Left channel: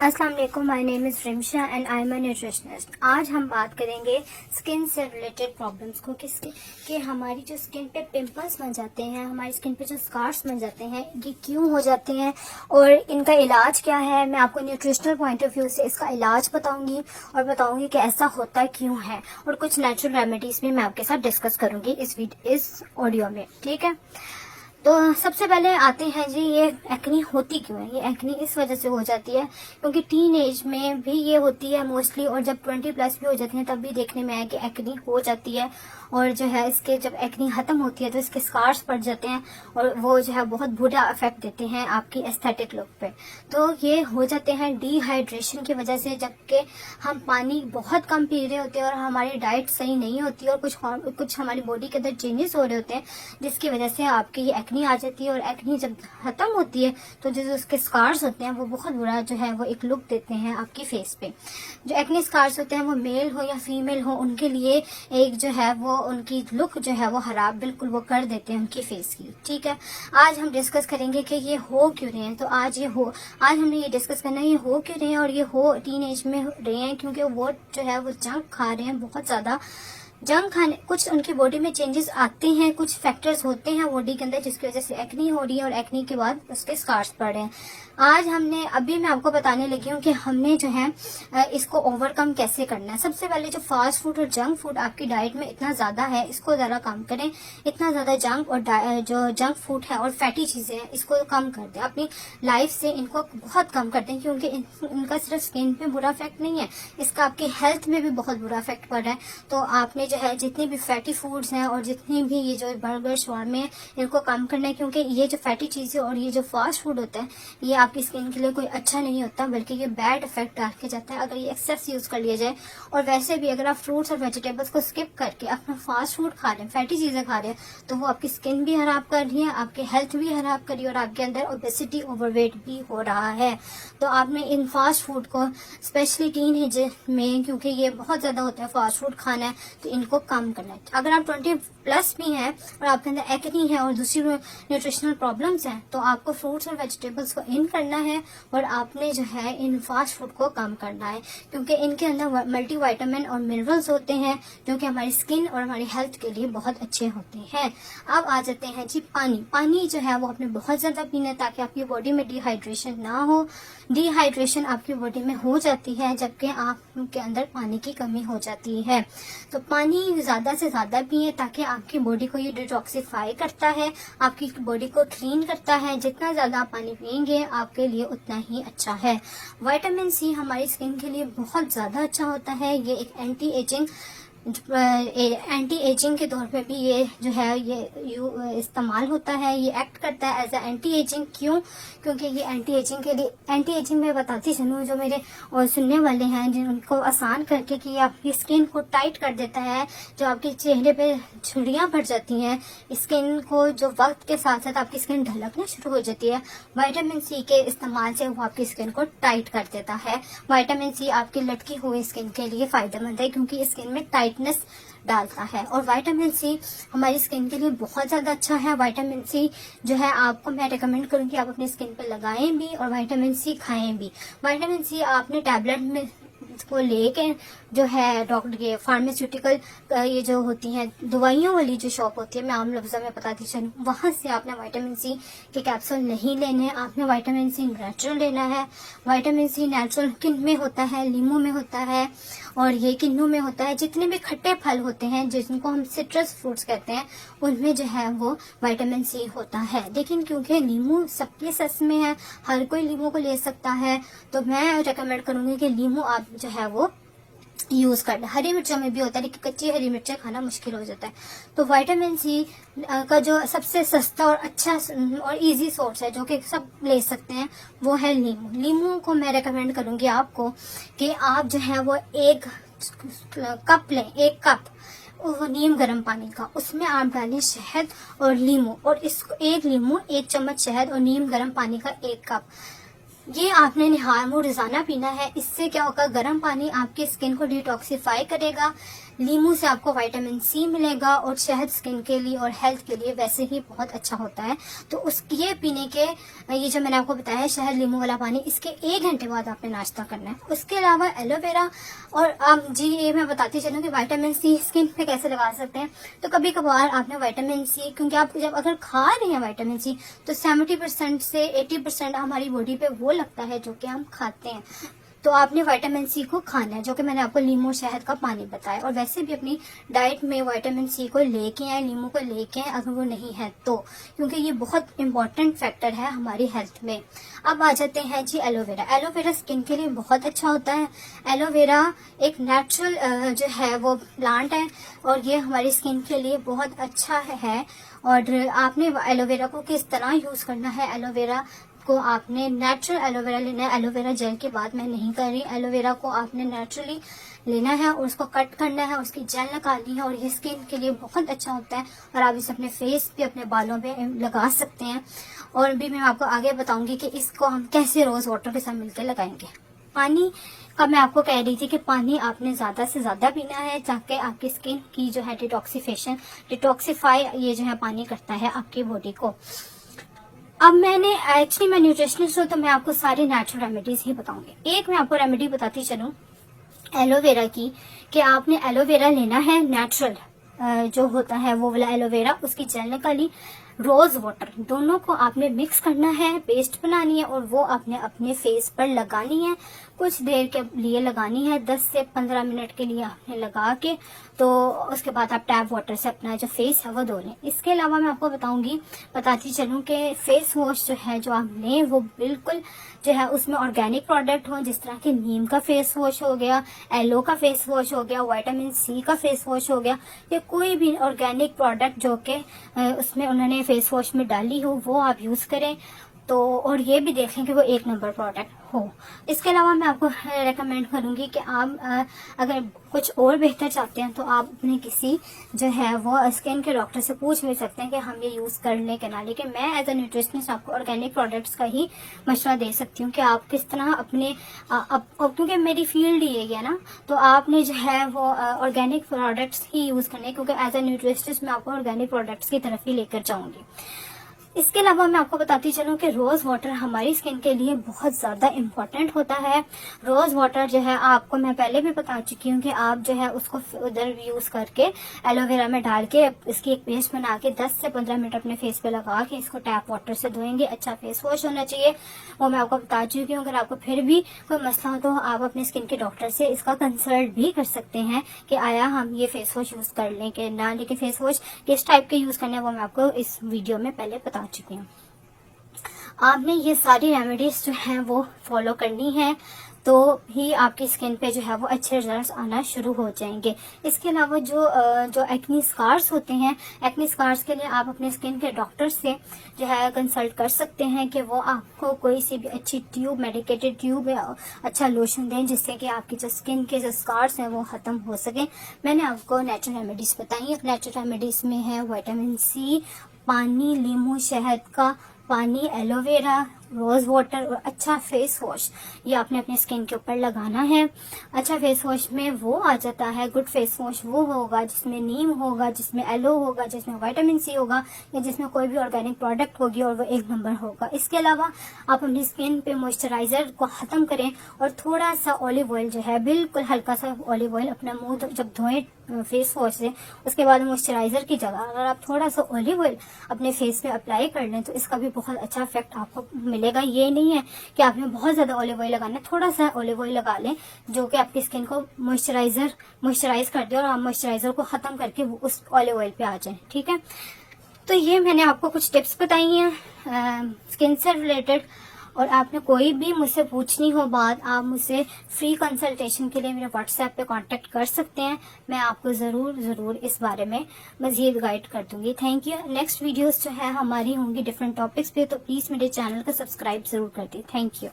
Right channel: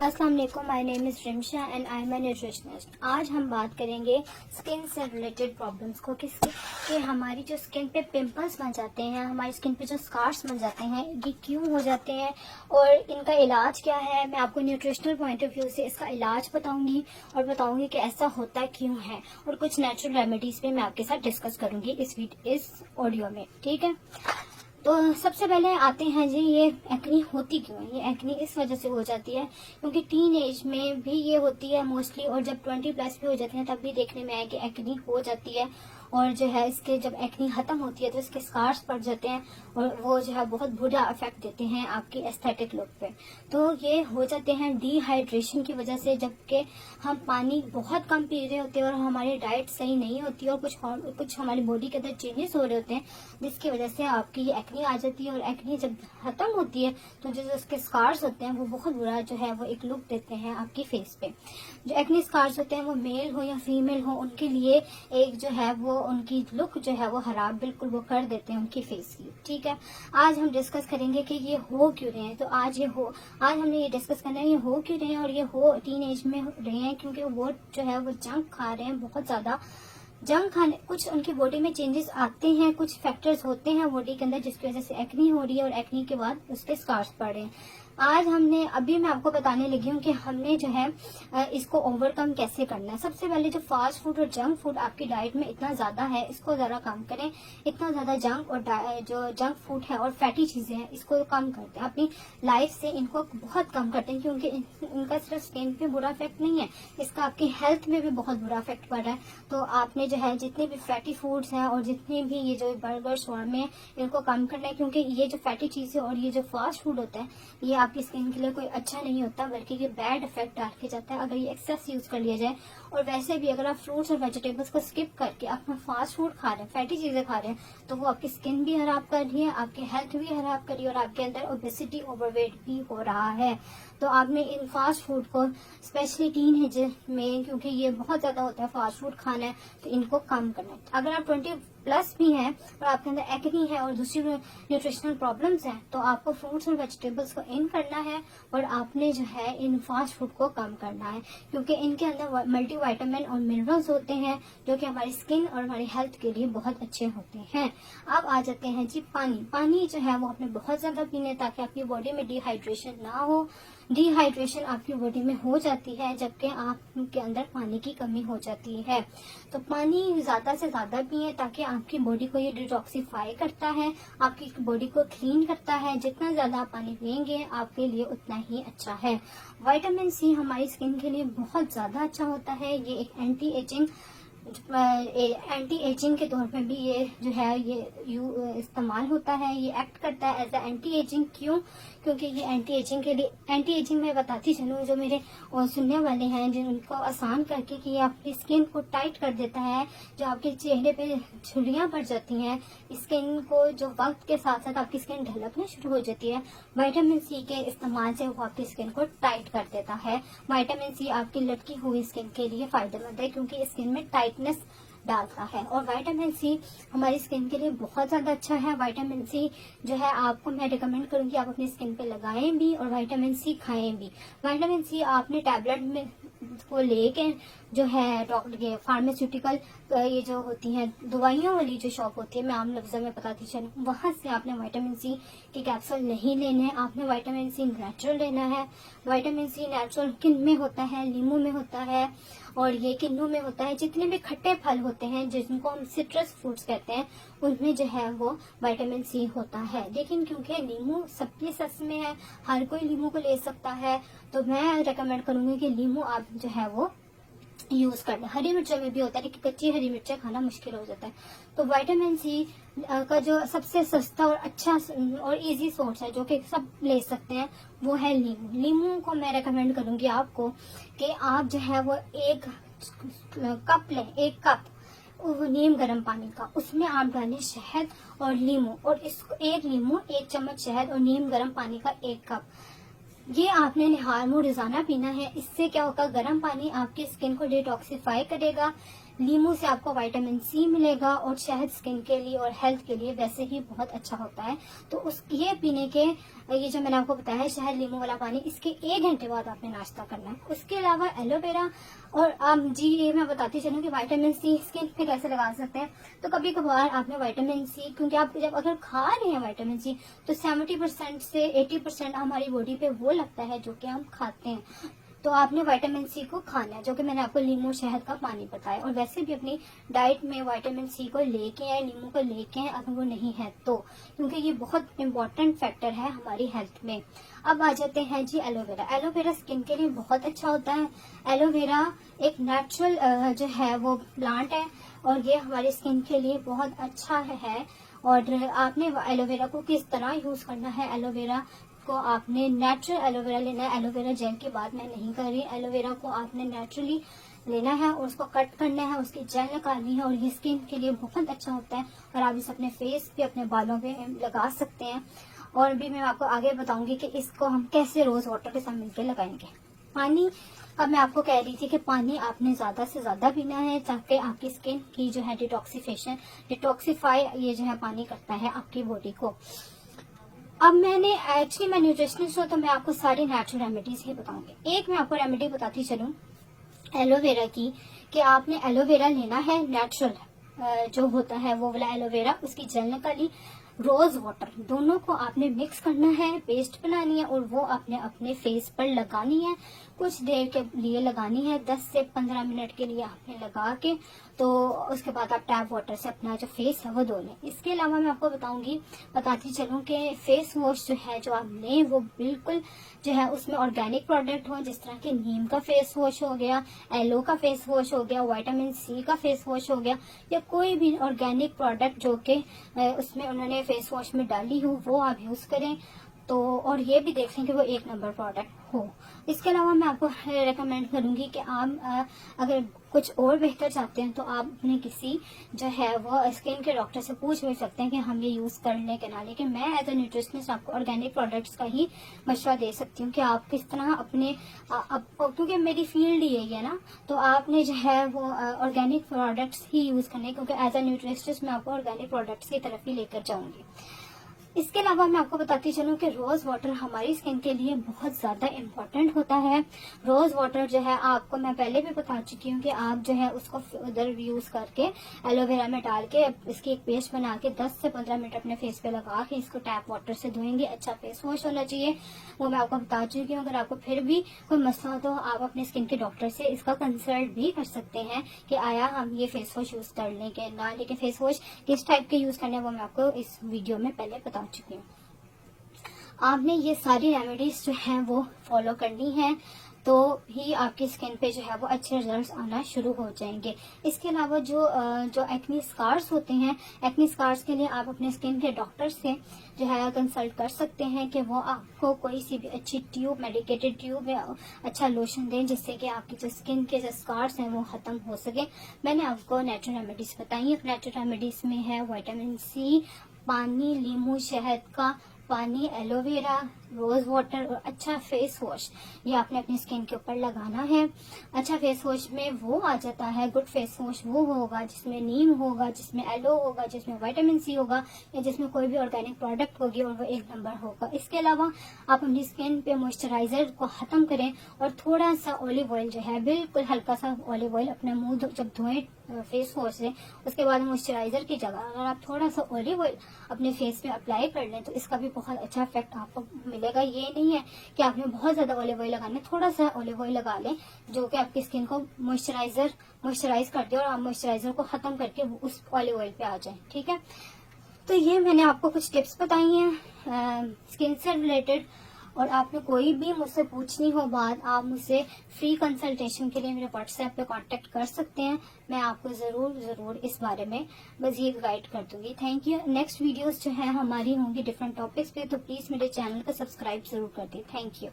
अस्सलाम वालेकुम, my name is Rimsha and I am a nutritionist. आज हम बात करेंगे स्किन से रिलेटेड प्रॉब्लम्स को कि हमारी जो स्किन पे पिंपल्स बन जाते हैं, हमारी स्किन पे जो स्कार्स बन जाते हैं, ये क्यों हो जाते हैं और इनका इलाज क्या है। मैं आपको न्यूट्रिशनल पॉइंट ऑफ व्यू से इसका इलाज बताऊंगी और बताऊंगी कि ऐसा होता क्यों है, और कुछ नेचुरल रेमेडीज भी मैं आपके साथ डिस्कस करूंगी इस ऑडियो में। ठीक है, तो सबसे पहले आते हैं जी, ये एक्नी होती क्यों है। ये एक्नी इस वजह से हो जाती है क्योंकि टीन एज में भी ये होती है मोस्टली, और जब 20 प्लस भी हो जाती है तब भी देखने में आया कि एक्नी हो जाती है। और जो है इसके जब एक्नी खत्म होती है तो इसके स्कार्स पड़ जाते हैं और वो जो है बहुत बुरा इफेक्ट देते हैं आपकी एस्थेटिक लुक पे। तो ये हो जाते हैं डिहाइड्रेशन की वजह से, जबकि हम पानी बहुत कम पी रहे होते हैं और हमारी डाइट सही नहीं होती और कुछ हमारी बॉडी के अंदर चेंजेस हो रहे होते हैं, जिसकी वजह से आपकी ये एक्नी आ जाती है। और एक्नी जब खत्म होती है तो जो उसके स्कार्स होते हैं वो बहुत बुरा जो है वो एक लुक देते हैं आपकी फेस पे। जो एक्नी स्कार्स होते हैं वो मेल हो या फीमेल हो, उनके लिए एक जो है वो उनकी लुक जो है वो खराब बिल्कुल वो कर देते हैं उनकी फेस की। ठीक है, आज हम डिस्कस करेंगे कि ये हो क्यों रहे हैं। तो आज हमने ये डिस्कस करना है ये हो क्यों रहे हैं, और ये हो टीन एज में रहे हैं क्योंकि वो जो है वो जंक खा रहे हैं बहुत ज्यादा। जंक खाने कुछ उनकी बॉडी में चेंजेस आते हैं, कुछ फैक्टर्स होते हैं बॉडी के अंदर जिसकी वजह से एक्नी हो रही है और एक्नी के बाद उसके स्कार्स पड़ रहे हैं। आज अभी मैं आपको बताने लगी हूँ कि हमने जो है इसको ओवरकम कैसे करना है। सबसे पहले जो फास्ट फूड और जंक फूड आपकी डाइट में इतना ज्यादा है, इसको जरा कम करें। इतना ज्यादा जंक और जो जंक फूड है और फैटी चीजें हैं इसको कम कर दें अपनी लाइफ से, इनको बहुत कम कर दें क्योंकि इनका सिर्फ स्किन पे बुरा इफेक्ट नहीं है, इसका आपकी हेल्थ में भी बहुत बुरा इफेक्ट पड़ रहा है। तो आपने जो है जितने भी फैटी फूड्स हैं और जितने भी ये जो बर्गर शॉर्मे हैं इनको कम करना है, क्योंकि ये जो फैटी चीजें और ये जो फास्ट फूड होता है ये आपकी स्किन के लिए कोई अच्छा नहीं होता, बल्कि ये बैड इफेक्ट डाल के जाता है अगर ये एक्सेस यूज कर लिया जाए। और वैसे भी अगर आप फ्रूट्स और वेजिटेबल्स को स्किप करके अपना फास्ट फूड खा रहे हैं, फैटी चीजें खा रहे हैं, तो वो आपकी स्किन भी खराब कर रही है, आपकी हेल्थ भी खराब कर रही है और आपके अंदर ओबेसिटी ओवरवेट भी हो रहा है। तो आपने इन फास्ट फूड को स्पेशली टीन एज में, क्योंकि ये बहुत ज्यादा होता है फास्ट फूड खाना है, तो इनको कम करना है। अगर आप 20 प्लस भी हैं और आपके अंदर एक्नी है और दूसरी न्यूट्रिशनल प्रॉब्लम्स हैं, तो आपको फ्रूट्स और वेजिटेबल्स को इन करना है और आपने जो है इन फास्ट फूड को कम करना है, क्योंकि इनके अंदर मल्टी विटामिन और मिनरल्स होते हैं जो कि हमारी स्किन और हमारी हेल्थ के लिए बहुत अच्छे होते हैं। अब आ जाते हैं जी पानी जो है वो आपने बहुत ज्यादा पीना है ताकि आपकी बॉडी में डिहाइड्रेशन ना हो। डिहाइड्रेशन आपकी बॉडी में हो जाती है जबकि आपके अंदर पानी की कमी हो जाती है। तो पानी ज्यादा से ज्यादा पिए ताकि आपकी बॉडी को ये डिटॉक्सिफाई करता है, आपकी बॉडी को क्लीन करता है। जितना ज्यादा आप पानी पिएंगे आपके लिए उतना ही अच्छा है। विटामिन सी हमारी स्किन के लिए बहुत ज्यादा अच्छा होता है। ये एक एंटी एजिंग के तौर पे भी ये जो है ये इस्तेमाल होता है, ये एक्ट करता है एज अ एंटी एजिंग। क्यों? क्योंकि ये एंटी एजिंग मैं बताती चलूँ, जो मेरे और सुनने वाले हैं जिनको आसान करके कि आपकी स्किन को टाइट कर देता है, जो आपके चेहरे पे झुर्रियां पड़ जाती हैं, स्किन को जो वक्त के साथ साथ आपकी स्किन ढलकना शुरू हो जाती है, विटामिन सी के इस्तेमाल से वो आपकी स्किन को टाइट कर देता है। विटामिन सी आपकी लटकी हुई स्किन के लिए फायदेमंद है क्योंकि स्किन में टाइटनेस डालता है, और विटामिन सी हमारी स्किन के लिए बहुत ज्यादा अच्छा है। विटामिन सी जो है आपको मैं रिकमेंड करूंगी आप अपनी स्किन पे लगाएं भी और विटामिन सी खाएं भी। विटामिन सी आपने टैबलेट में को लेके जो है डॉक्टर ये फार्मास्यूटिकल ये जो होती है दवाइयों वाली जो शॉप होती है, मैं आम लफ्जों में बताती चलूं, वहां से आपने विटामिन सी के कैप्सूल नहीं लेने, आपने विटामिन सी नेचुरल लेना है। विटामिन सी नेचुरल किन में होता है? नींबू में होता है और ये किन्नू में होता है। जितने भी खट्टे फल होते हैं जिनको हम सिट्रस फ्रूट्स कहते हैं उनमें जो है वो विटामिन सी होता है। लेकिन क्योंकि नींबू सबके सस में है, हर कोई नींबू को ले सकता है, तो मैं रेकमेंड करूंगी कि नींबू आप जो है वो यूज करना। हरी मिर्चों में भी होता है लेकिन कच्ची हरी मिर्चें खाना मुश्किल हो जाता है। तो विटामिन सी का जो सबसे सस्ता और अच्छा और इजी सोर्स है जो कि सब ले सकते हैं वो है नींबू। नींबू को मैं रेकमेंड करूंगी आपको कि आप जो है वो एक कप लें, एक कप वो नीम गर्म पानी का, उसमें आप डालें शहद और नींबू, और इसको एक नींबू, एक चम्मच शहद और नीम गर्म पानी का एक कप, ये आपने निहार रोजाना पीना है। इससे क्या होगा, गर्म पानी आपकी स्किन को डिटॉक्सिफाई करेगा, लीमू से आपको विटामिन सी मिलेगा और शहद स्किन के लिए और हेल्थ के लिए वैसे ही बहुत अच्छा होता है। तो ये पीने के, ये जो मैंने आपको बताया है शहद लीमू वाला पानी, इसके 1 घंटे बाद आपने नाश्ता करना है। उसके अलावा एलोवेरा, और ये मैं बताती चलूँ कि विटामिन सी स्किन पे कैसे लगा सकते हैं। तो कभी कभार आपने विटामिन सी, क्योंकि आप जब अगर खा रहे हैं विटामिन सी तो 70% से 80% हमारी बॉडी पे वो लगता है जो कि हम खाते हैं। तो आपने विटामिन सी को खाना है, जो कि मैंने आपको लीमू शहद का पानी बताया। और वैसे भी अपनी डाइट में विटामिन सी को लेके आए, लीमू को लेके आए अगर वो नहीं है तो, क्योंकि ये बहुत इंपॉर्टेंट फैक्टर है हमारी हेल्थ में। अब आ जाते हैं जी एलोवेरा। एलोवेरा स्किन के लिए बहुत अच्छा होता है। एलोवेरा एक नेचुरल जो है वो प्लांट है और ये हमारी स्किन के लिए बहुत अच्छा है। और आपने एलोवेरा को किस तरह यूज करना है, एलोवेरा को आपने नेचुरल एलोवेरा लेना है। एलोवेरा जेल की बात मैं नहीं कर रही, एलोवेरा को आपने नेचुरली लेना है और उसको कट करना है, उसकी जेल निकालनी है और ये स्किन के लिए बहुत अच्छा होता है। और आप इसे अपने फेस पे, अपने बालों पे लगा सकते हैं। और भी मैं आपको आगे बताऊंगी कि इसको हम कैसे रोज वाटर के साथ मिलकर लगाएंगे। पानी का मैं आपको कह रही थी कि पानी आपने ज्यादा से ज्यादा पीना है ताकि आपकी स्किन की जो है डिटॉक्सिफाई ये जो है पानी करता है आपकी बॉडी को। अब मैं न्यूट्रिशनिस्ट हूँ तो मैं आपको सारी नेचुरल रेमेडीज ही बताऊंगी। एक मैं आपको रेमेडी बताती चलूँ एलोवेरा की, कि आपने एलोवेरा लेना है नेचुरल जो होता है वो वाला एलोवेरा, उसकी जेल निकाली, रोज वाटर, दोनों को आपने मिक्स करना है, पेस्ट बनानी है और वो आपने अपने फेस पर लगानी है। कुछ देर के लिए लगानी है, 10 से 15 मिनट के लिए आपने लगा के, तो उसके बाद आप टैप वाटर से अपना जो फेस है वो धो लें। इसके अलावा मैं आपको बताती चलूँ कि फेस वॉश जो है जो आप लें वो बिल्कुल जो है उसमें ऑर्गेनिक प्रोडक्ट हो, जिस तरह की नीम का फेस वॉश हो गया, एलो का फेस वॉश हो गया, विटामिन सी का फेस वॉश हो गया, या कोई भी ऑर्गेनिक प्रोडक्ट जो कि उसमें उन्होंने फेस वॉश में डाली हो वो आप यूज करें। तो और ये भी देखें कि वो 1 नंबर प्रोडक्ट हो। इसके अलावा मैं आपको रेकमेंड करूंगी कि आप अगर कुछ और बेहतर चाहते हैं तो आप अपने किसी जो है वो स्किन के डॉक्टर से पूछ भी सकते हैं कि हम ये यूज कर लें कि ना। लेकिन मैं एज अ न्यूट्रिशनिस्ट आपको ऑर्गेनिक प्रोडक्ट्स का ही मशवरा दे सकती हूँ कि आप किस तरह अपने क्योंकि मेरी फील्ड ये है ना, तो आपने जो है वो ऑर्गेनिक प्रोडक्ट्स ही यूज करने, क्योंकि एज अ न्यूट्रिशनिस्ट मैं आपको ऑर्गेनिक प्रोडक्ट्स की तरफ ही लेकर जाऊंगी। इसके अलावा मैं आपको बताती चलूं कि रोज वाटर हमारी स्किन के लिए बहुत ज्यादा इम्पोर्टेंट होता है। रोज वाटर जो है आपको मैं पहले भी बता चुकी हूँ कि आप जो है उसको उधर यूज करके एलोवेरा में डाल के इसकी एक पेस्ट बना के 10 से 15 मिनट अपने फेस पे लगा के इसको टैप वाटर से धोएंगे। अच्छा फेस वॉश होना चाहिए, वो मैं आपको बता चुकी हूँ। अगर आपको फिर भी कोई मसला हो तो आप अपने स्किन के डॉक्टर से इसका कंसल्ट भी कर सकते हैं कि आया हम ये फेस वॉश यूज कर लें कि ना। लेकिन फेस वॉश किस टाइप के यूज करना है वो मैं आपको इस वीडियो में पहले बता चुकी हूँ। आपने ये सारी रेमेडीज जो हैं वो फॉलो करनी है तो ही आपकी स्किन पे जो है वो अच्छे रिजल्ट्स आना शुरू हो जाएंगे। इसके अलावा जो एक्नी स्कार्स होते हैं, एक्नी स्कार्स के लिए आप अपने स्किन के डॉक्टर से जो है कंसल्ट कर सकते हैं कि वो आपको कोई सी भी अच्छी ट्यूब, मेडिकेटेड ट्यूब या अच्छा लोशन दें जिससे कि आपकी जो स्किन के जो स्कार्स हैं वो खत्म हो सके। मैंने आपको नेचुरल रेमेडीज बताई। नेचुरल रेमेडीज में है विटामिन सी, पानी, लीमू शहद का पानी, एलोवेरा, रोज वाटर और अच्छा फेस वॉश, ये आपने अपनी स्किन के ऊपर लगाना है। अच्छा फेस वॉश में वो आ जाता है, गुड फेस वॉश वो होगा जिसमें नीम होगा, जिसमें एलो होगा, जिसमें विटामिन सी होगा, या जिसमें कोई भी ऑर्गेनिक प्रोडक्ट होगी और वो 1 नंबर होगा। इसके अलावा आप अपनी स्किन पे मॉइस्चराइजर को खत्म करें और थोड़ा सा ऑलिव ऑयल जो है, बिल्कुल हल्का सा ऑलिव ऑयल अपना मुंह जब धोएं फेस वॉश से, उसके बाद मॉइस्चराइजर की जगह अगर आप थोड़ा सा ऑलिव ऑयल अपने फेस पे अप्लाई कर लें तो इसका भी बहुत अच्छा इफेक्ट आपको मिलेगा। ये नहीं है कि आपने बहुत ज्यादा ऑलिव ऑयल लगाना है, थोड़ा सा ऑलिव ऑयल लगा लें जो कि आपकी स्किन को मॉइस्चराइज कर दे और आप मॉइस्चराइजर को खत्म करके वो उस ऑलिव ऑयल पे आ जाए। ठीक है, तो ये मैंने आपको कुछ टिप्स बताई हैं स्किन से रिलेटेड। और आपने कोई भी मुझसे पूछनी हो बात, आप मुझसे फ्री कंसल्टेशन के लिए मेरे व्हाट्सएप पे कांटेक्ट कर सकते हैं। मैं आपको जरूर इस बारे में मजीद गाइड कर दूंगी। Thank you. नेक्स्ट वीडियोस जो है हमारी होंगी डिफरेंट टॉपिक्स पे, तो प्लीज मेरे चैनल को सब्सक्राइब जरूर कर दें। Thank you.